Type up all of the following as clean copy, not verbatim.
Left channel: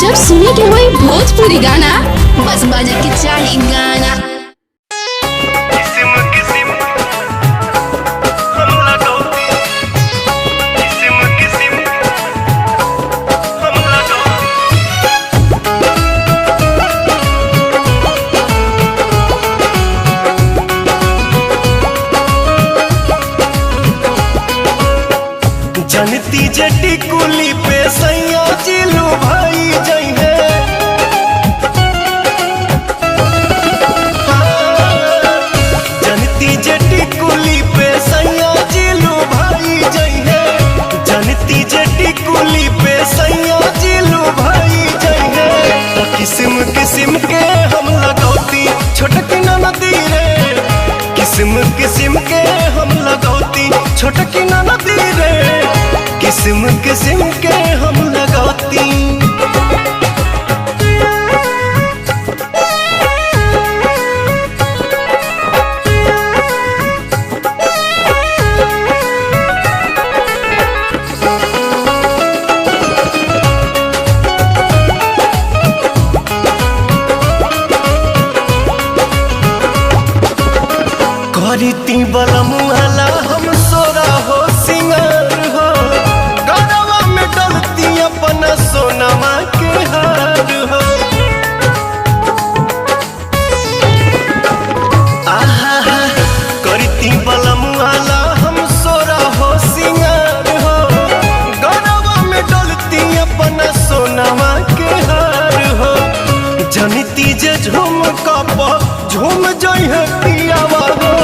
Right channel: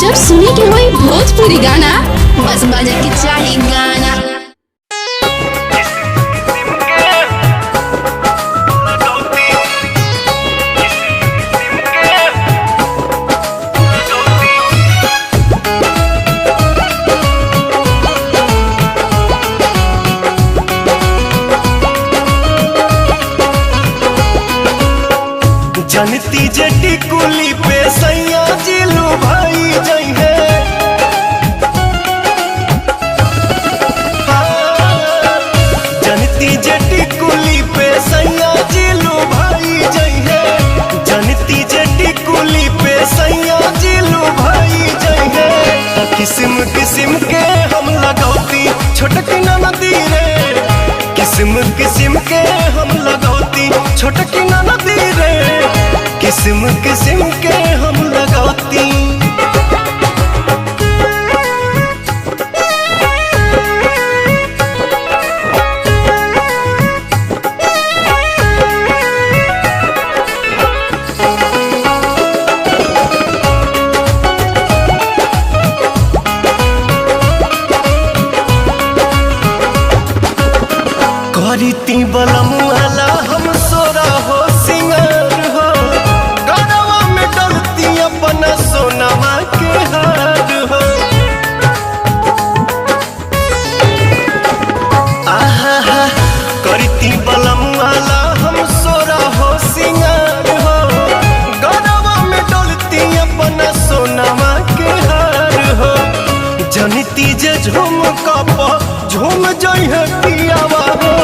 जब सुने के होई भोजपुरी गाना, बस बजे के चाही गाना। जनती जटी कुली पे सैया जिलू भाई जई है। जनती जटी कुली पे सैया जिलू भाई जई है। जनती जटी कुली पे सैया जिलू भाई जई है। तो किस्म किस्म के हम लगौती छोटकी नदी रे। किस्म किस्म के हम लगौती छोटकी नदी रे। किस्म किस्म के हम लगौती। करीती बलमुआला हम सोरा हो सिंगार हो। गरवा में डलती अपना सोनमा के हार हो। आहा करीती बलमुआला हम सोरा हो सिंगार हो। गरवा में डलती अपना सोनमा के हार हो। जनिती जे झूम कप झूम जई है पियावा हो।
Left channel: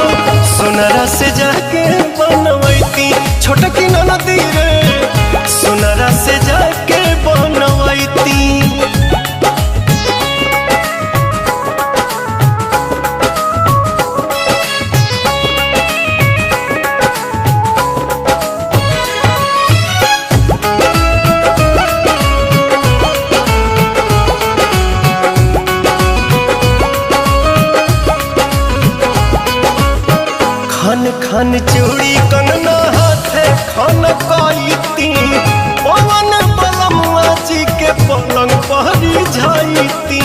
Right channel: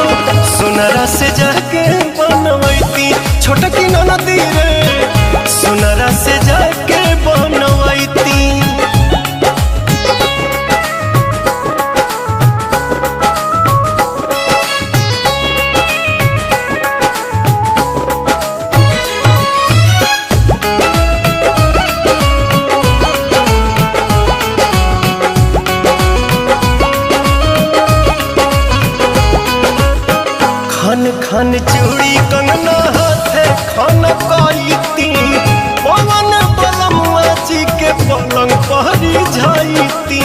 सोनरा से जाके बनवैती छोटकी नदी रे। सोनरा से जाके बनवैती। खन खन चूड़ी कंगना हाथे खन काईती। पवन बलमुआ जी के पलंग पहरी जाईती।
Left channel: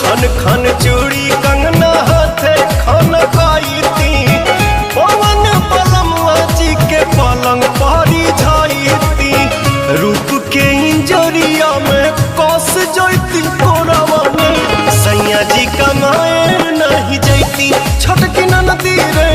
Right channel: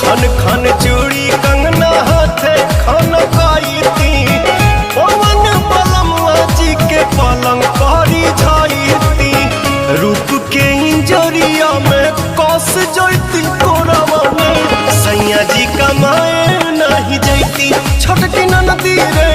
खन खन चूड़ी कंगना हाथे खन काईती। पवन बलमुआ जी के पलंग पहरी जाईती। रूप के इंजरिया में कस जैती कोरावा में। सैया जी कमाए नहीं जैती छोटकी नदी रे।